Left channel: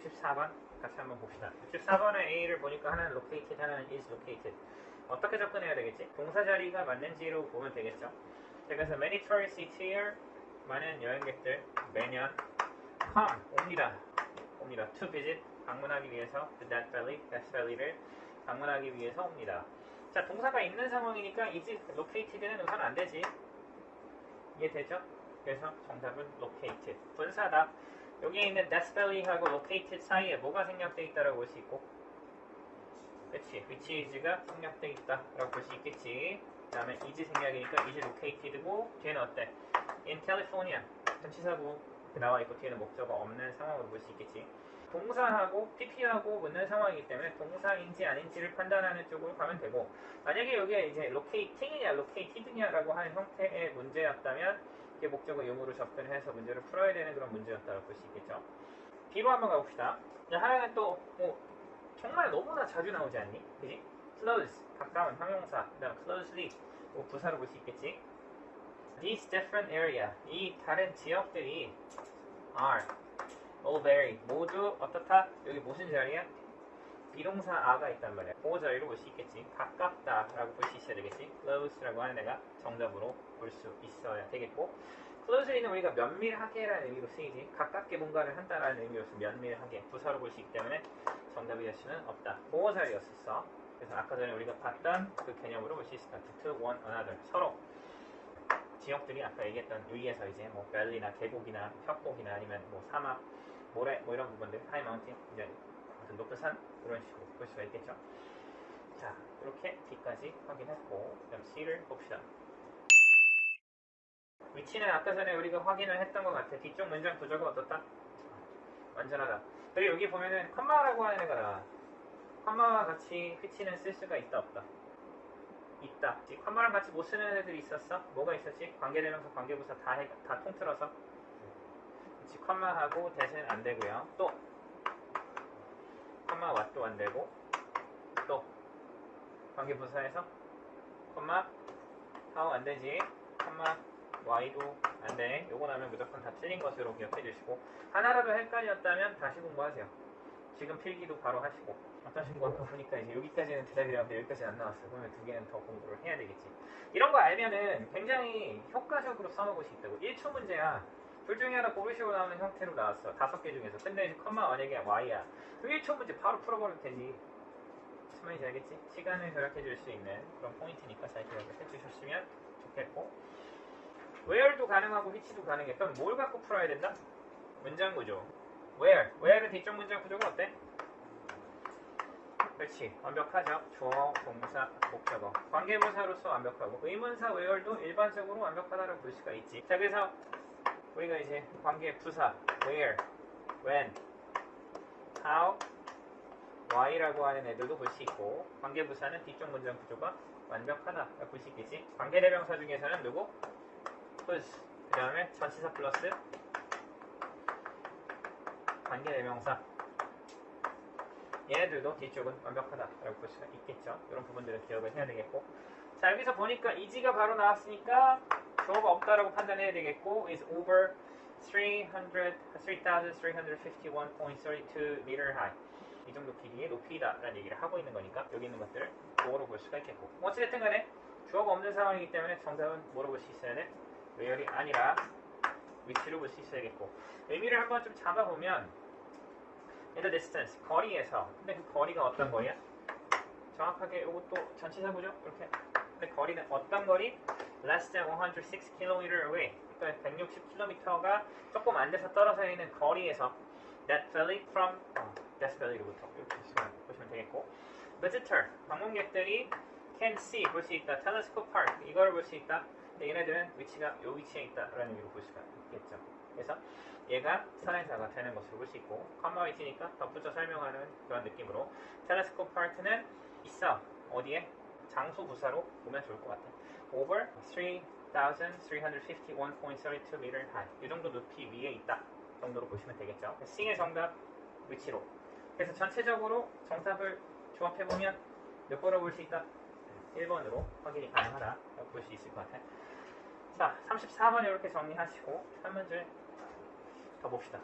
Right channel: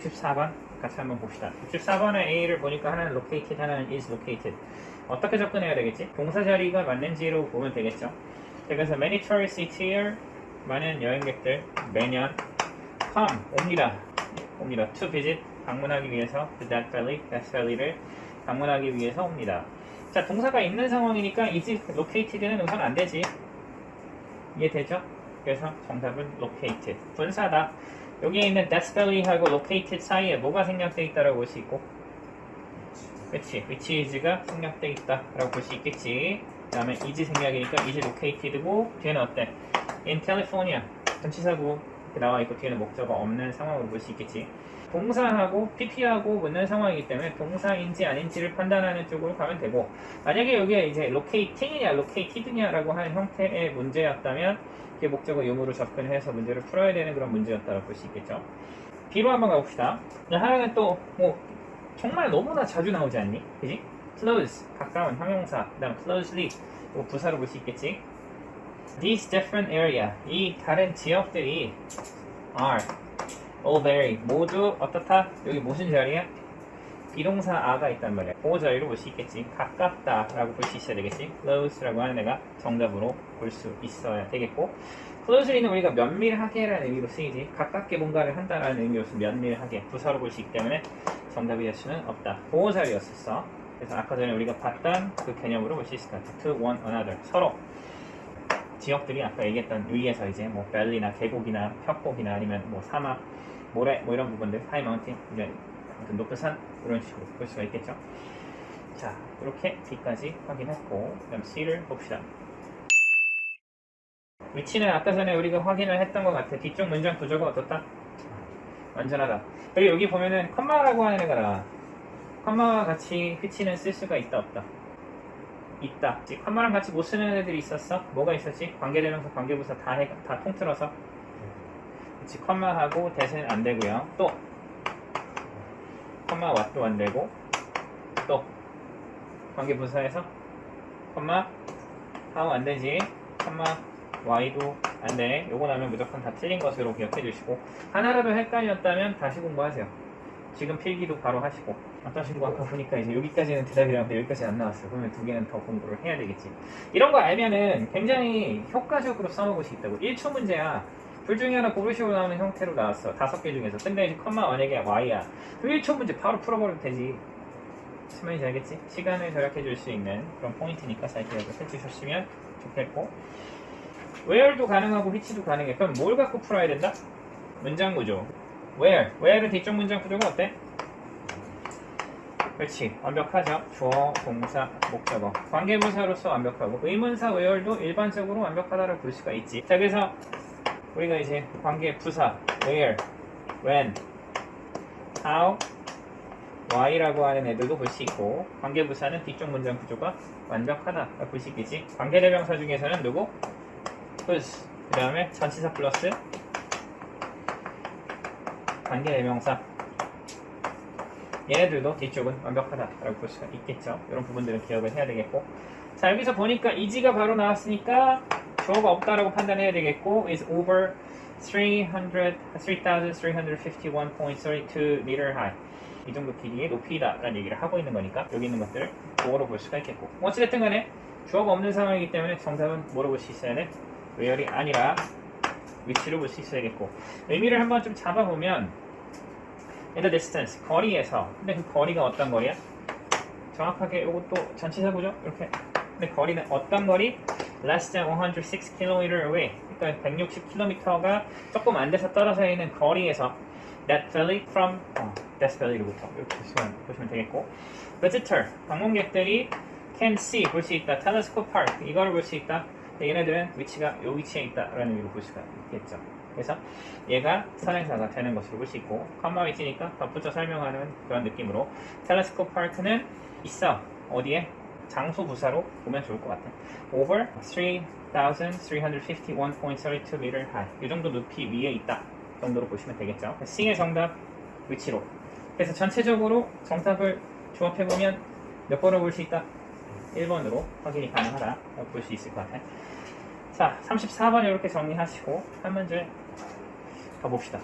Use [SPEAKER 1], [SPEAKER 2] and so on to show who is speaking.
[SPEAKER 1] 64번 같이 한번 봅시다. 64번의 A를 보니까 하나는 located, 하나는 is located. 어떻게 접근해야 되겠지? 동사 자리가 맞는지로 보면 되겠죠. 자, 그래서 many tourists year 많은 여행객들 매년 come 옵니다. 옵니다. to visit 방문하기 위해서 the Death Valley, Death Valley를 방문하기 위해서 옵니다. 자, 동사가 있는 상황이니까 is located는 우선 안 되지. 이해되죠? 그래서 정답은 located. 분사다. 여기에 있는 Death Valley하고 located 사이에 뭐가 생략되어 있다라고 볼 수 있고 그치 which is가 생략되어 있다라고 볼 수 있겠지 그 다음에 is 생략이니까 is located고 뒤에는 어때? in California 전치사고 이렇게 나와 있고 뒤에는 목적어 없는 상황으로 볼 수 있겠지 동사하고 PP하고 붙는 상황이기 때문에 동사인지 아닌지를 판단하는 쪽으로 가면 되고 만약에 여기에 이제 locating이냐 located냐라고 하는 형태의 문제였다면 이게 목적어 유무로 접근해서 문제를 풀어야 되는 그런 문제였다고 볼 수 있겠죠. B로 한번 가봅시다. 하나는 또 뭐 정말 너무나 자주 나오지 않니? 그지? close 가까운 형용사, 그다음 closely 뭐 부사로 볼 수 있겠지. These different area 이 다른 지역들이 are all vary 모두 어떻다? 여기 무슨 자리야? 비동사 아가 있단 말이야. 그 자리로 볼 수 있겠지. 가깝다 라고 볼 수 있어야 되겠지. close라고 하는 애가 정답으로 볼 수 있어야 되겠고 closely는 우리가 면밀하게 라는 의미로 쓰이지 가깝게 뭔가를 한다라는 의미로서 면밀하게 부사로 볼 수 있기 때문에 정답이 될 수는 없다. 그 자리였었어. 그래서 아까 전에 우리가 봤던 그 개념으로 볼 수 있을 것 같아. to one another 서로 지역들이 아까 얘기했던 위에서 이제 뭐 밸리나 계곡이나 협곡이나 아니면 뭐 사막, 모래 뭐 이런 부분들 하이 마운틴 이제 아무튼 높은 산 이런 식으로 볼 수가 있겠죠. 자 이렇게 B까지 확인했고 그다음 C를 봅시다. 위치는 아까 전에 우리가 확인을 했던 것 같아. 뒤쪽 문장 구조가 어떻다? 완전하다. 그리고 여기 보면은 컴마라고 하는 애가 나와. 컴마와 같이 위치는 쓸 수가 있다 없다. 있다. 컴마랑 같이 못 쓰는 애들이 있었어? 뭐가 있었지? 관계대명사, 관계부사 다, 해, 다 통틀어서. 그치, 컴마하고 대세는 안 되고요. 또 컴마 왓도 안 되고 또 관계부사에서 컴마 하우 안 되지. 컴마 y도 안 돼. 요거 나면 무조건 다 틀린 것으로 기억해 주시고 하나라도 헷갈렸다면 다시 공부하세요. 지금 필기도 바로 하시고 아까 친구 아까 보니까 이제 여기까지는 대답이라는데 여기까지 안 나왔어요. 그러면 두 개는 더 공부를 해야 되겠지. 이런 거 알면은 굉장히 효과적으로 써먹을 수 있다고. 1초 문제야. 둘 중에 하나 고르시고 나오는 형태로 나왔어. 다섯 개 중에서. 근데 이제 컴마 만약에 y야. 그럼 1초 문제 바로 풀어버려도 되지. 말인지 알겠지? 시간을 절약해 줄 수 있는 그런 포인트니까 잘 기억을 해주셨으면 좋겠고 where도 가능하고 which도 가능해. 그럼 뭘 갖고 풀어야 된다? 문장 구조. where. where는 뒤쪽 문장 구조가 어때? 그렇지. 완벽하죠. 주어, 동사, 목적어. 관계부사로서 완벽하고 의문사 where도 일반적으로 완벽하다고 볼 수가 있지. 자, 그래서 우리가 이제 관계부사 where, when, how, why라고 하는 애들도 볼 수 있고 관계부사는 뒤쪽 문장 구조가 완벽하다고 볼수 있겠지. 관계대명사 중에서는 누구? whose. 그 다음에 전치사 플러스 관계대명사 얘네들도 뒤쪽은 완벽하다라고 볼 수가 있겠죠. 이런 부분들은 기억을 해야 되겠고. 자, 여기서 보니까 이지가 바로 나왔으니까 주어가 없다라고 판단해야 되겠고, is over 300, 3,351.32 meter high. 이 정도 길이의 높이다라는 얘기를 하고 있는 거니까 여기 있는 것들을 주어로 볼 수가 있겠고. 어찌됐든 간에 주어가 없는 상황이기 때문에 정답은 뭐로 볼 수 있어야 돼? where이 아니라 위치로 볼 수 있어야겠고. 의미를 한번 좀 잡아보면 in the distance 거리에서. 근데 그 거리가 어떤 거리야? 정확하게 이것도 전치사고죠? 이렇게. 근데 거리는 어떤 거리? less than 106 km away. 그러니까 160km가 조금 안 돼서 떨어져 있는 거리에서 that valley from 어, that valley로부터. 이렇게 보시면, 보시면 되겠고. Visitor 방문객들이 can see 볼 수 있다. Telescope park 이거를 볼 수 있다. 얘네들은 위치가 이 위치에 있다라는 의미로 볼 수가 있겠죠 그래서 얘가 선행사가 되는 것으로 볼 수 있고 컴마 위치니까 덧붙여 설명하는 그런 느낌으로 텔레스코프 파크는 있어. 어디에? 장소 부사로 보면 좋을 것 같아. Over 3,351.32 meter high. 이 정도 높이 위에 있다 정도로 보시면 되겠죠. C의 정답 위치로. 그래서 전체적으로 정답을 조합해보면 몇 번으로 볼수 있다? 1번으로 확인이 가능하다 볼 수 있을 것 같아. 자 34번 이렇게 정리하시고 한 문제 가봅시다.